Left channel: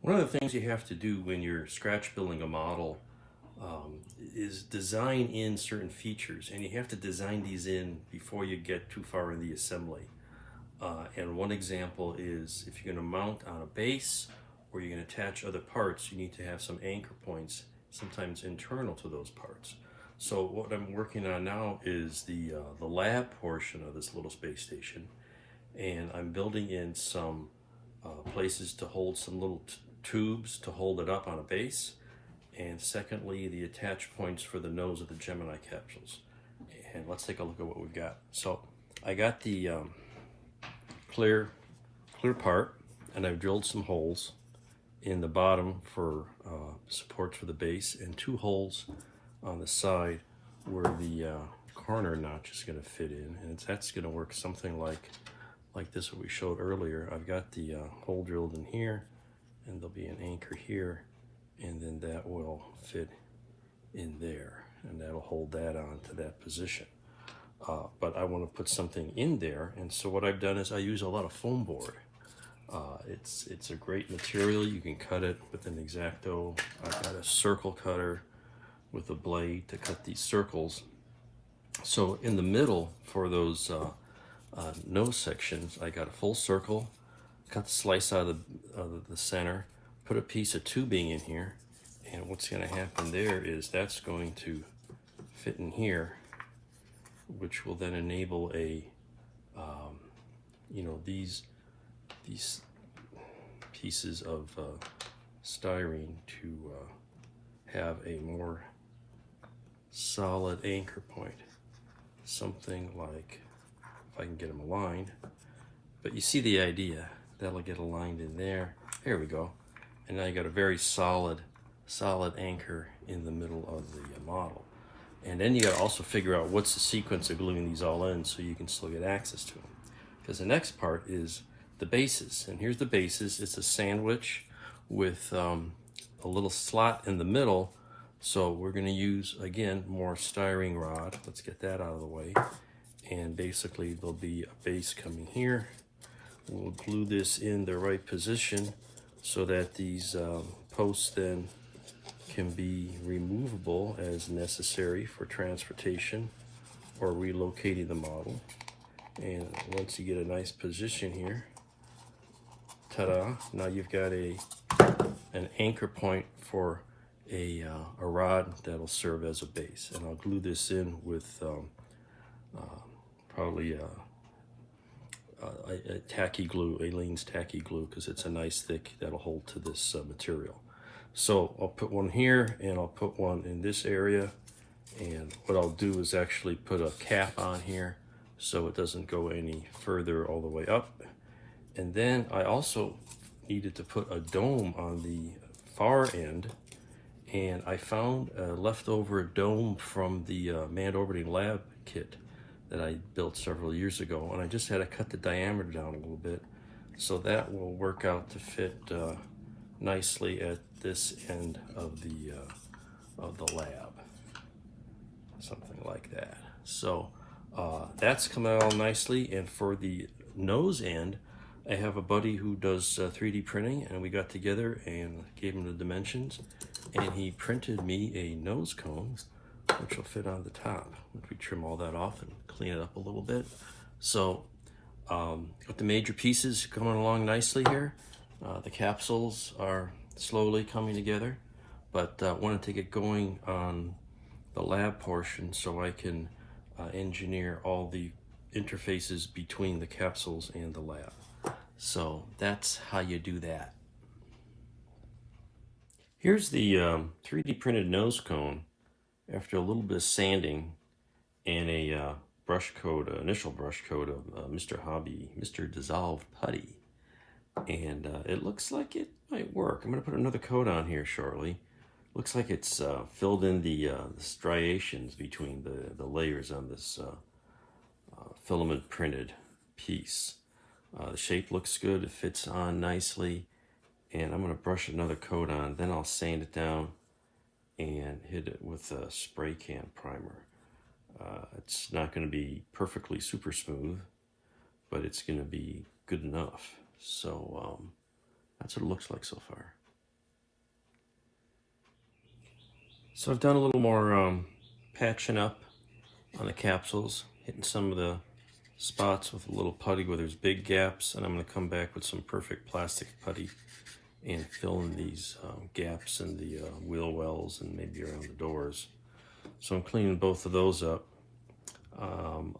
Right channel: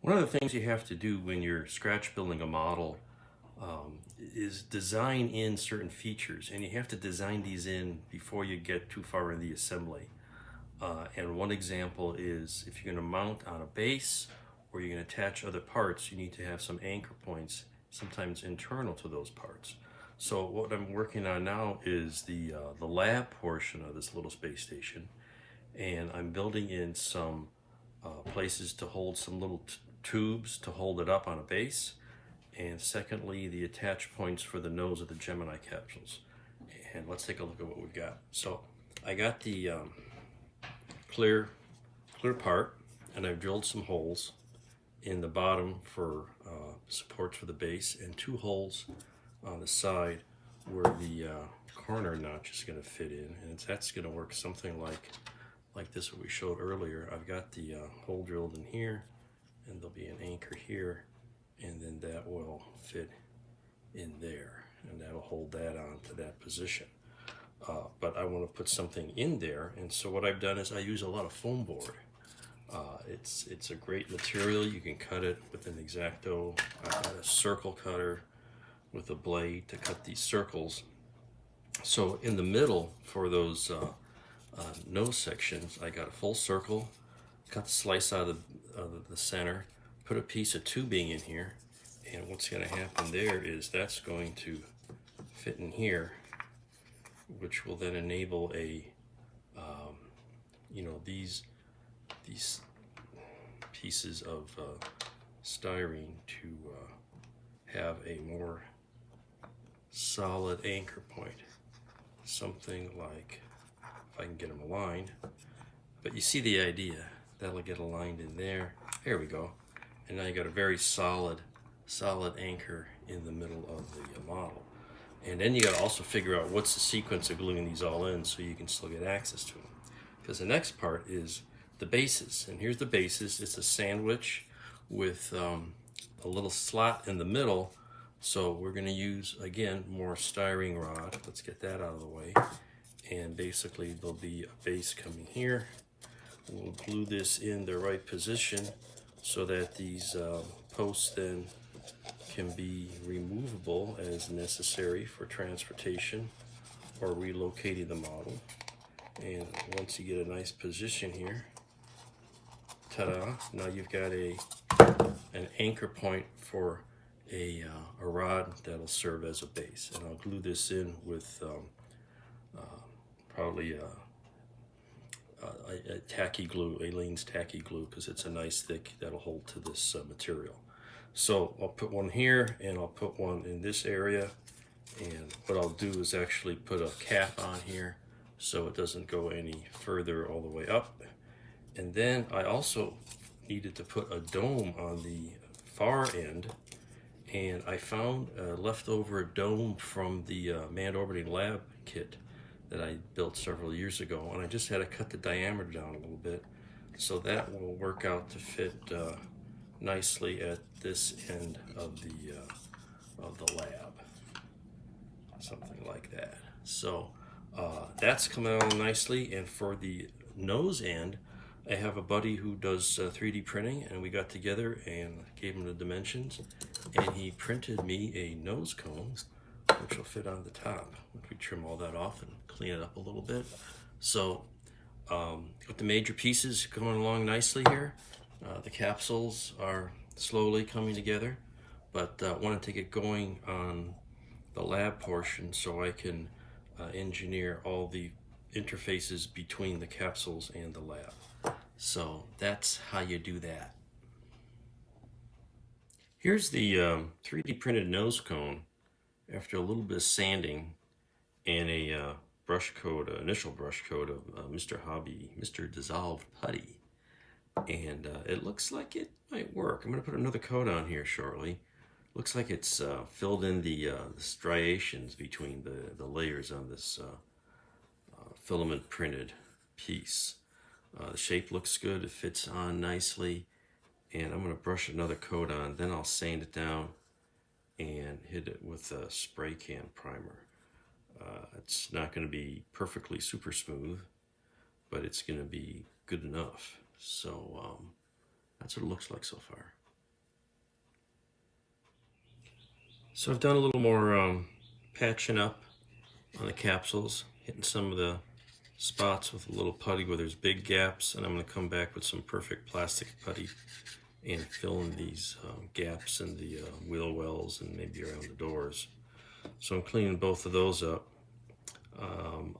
One of the things you have to do when you're scratch building a model is design in certain features, and you have to design these in before you get too far in the assembly. And one example is if you're going to mount on a base or you're going to attach other parts, you need to have some anchor points, sometimes internal to those parts. So what I'm working on now is the lab portion of this little space station, and I'm building in some places to hold some little tubes to hold it up on a base, and secondly the attach points for the nose of the Gemini capsules. And let's take a look at what we've got. So I got the clear part, and I've drilled some holes in the bottom for supports for the base, and 2 holes on the side where the corner notch is going to fit in, and that's going to work something like this what we showed earlier. I've got the hole drilled in here, and there'll be an anchor here, and then that will fit in there, and that'll hold that on to that position. But I want to put something in there, and so what I've done is I use a lot of foam board. It's a great material. You can cut it with an X-Acto. I've got a circle cutter with a blade to cut these circles. So in the middle for those nose sections, I got a full circle, cut the slice out of the center, put a piece of tubing in here, and what's going to happen there is that's going to fit in here, which will then enable a these pieces of styrene to have a more solid anchor point, something like, if I can get them aligned, but you see the idea. That'll get aligned in there. There we go. And now you got a very solid anchor in the middle of the model. And then you got to also figure out what's the sequence of gluing these all in so you can still get access to them. Because the next part is the bases. And here's the bases. It's a sandwich with a little slot in the middle. So we're going to use, again, more styrene rod. Let's get that out of the way. And basically there'll be a base coming here. We'll glue this in the right position so that these posts then can be removable as necessary for transportation or relocating the model. And once you get a nice position here, ta-da, now you've got an anchor point for a rod that'll serve as a base. And I'll glue this in with probably a tacky glue, Aleene's tacky glue, because it's a nice thick that'll hold to this material. So I'll put one here, and I'll put one in this area, and what I'll do is actually put a cap on here so it doesn't go any further all the way up. And then I also needed to put a dome on the far end, and I found a leftover dome from the manned orbiting lab kit that I built several years ago, and I just had to cut the diameter down a little bit, so that will work out to fit nicely at this end of the lab, something like that. So that's coming out nicely. And for the nose end, I have a buddy who does 3D printing, and we got together and gave him the dimensions, and he printed me a nose cone which will fit on the top. If we trim all that off and clean it up a little bit. So with the major pieces going along nicely here, the capsules are slowly coming together, but I want to get going on the lab portion so I can engineer all the interfaces between the capsules and the lab. So that's how you do that. Here's the 3D printed nose cone after a little bit of sanding and a brush coat, initial brush coat of Mr. Hobby, Mr. Dissolved Putty. And it looks like it might work. I'm going to put another coat on here shortly. Looks like it's filled in the striations between the layers on this filament printed piece. The shape looks good, it fits on nicely, and I'm going to brush another coat on, then I'll sand it down and hit it with a spray can primer. It's not going to be perfectly super smooth, but it's going to be good enough. So that's what it looks like so far. So I've done a little more patching up on the capsules, hitting some of the spots with a little putty where there's big gaps, and I'm going to come back with some perfect plastic putty and fill in these gaps in the wheel wells and maybe around the doors. So I'm cleaning both of those up.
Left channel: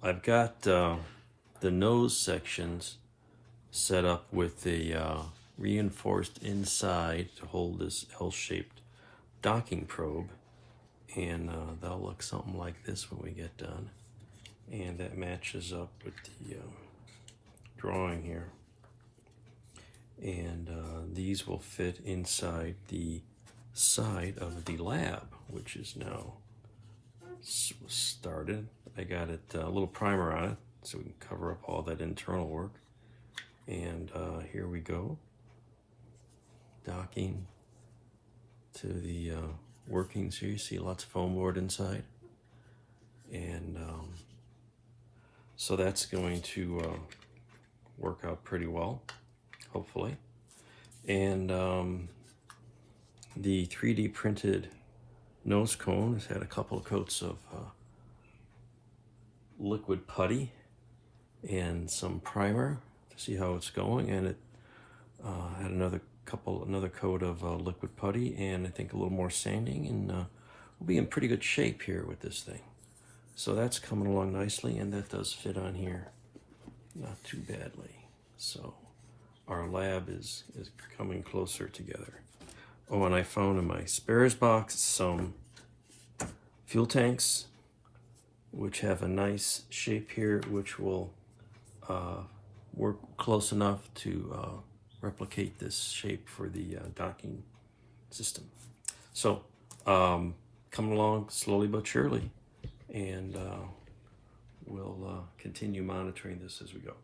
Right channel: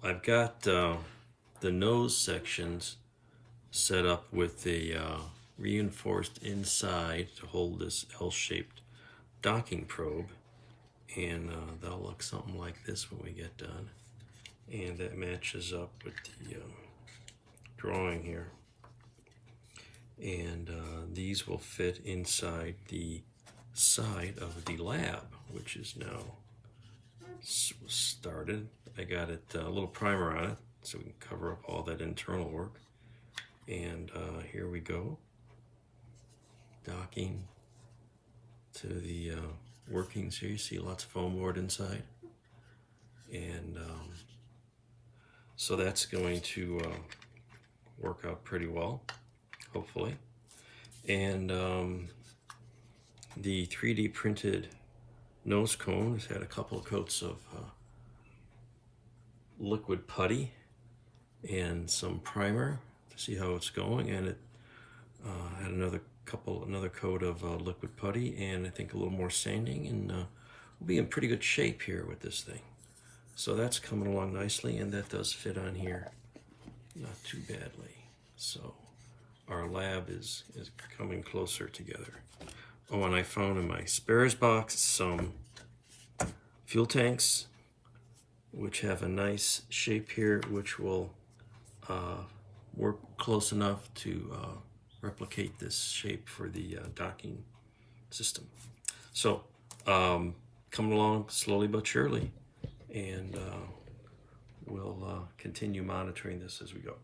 I've got the nose sections set up with a reinforced inside to hold this L-shaped docking probe, and that'll look something like this when we get done, and that matches up with the drawing here. And these will fit inside the side of the lab, which is now started. I got it a little primer on it so we can cover up all that internal work. And here we go, docking to the workings here. You see lots of foam board inside, and so that's going to work out pretty well, hopefully. And the 3D printed nose cone has had a couple of coats of liquid putty and some primer to see how it's going, and it had another coat of liquid putty and I think a little more sanding, and we'll be in pretty good shape here with this thing. So that's coming along nicely, and that does fit on here not too badly. So our lab is coming closer together. Oh, and I found in my spares box some fuel tanks which have a nice shape here, which will work close enough to replicate this shape for the docking system. So coming along slowly but surely, and we'll continue monitoring this as we go.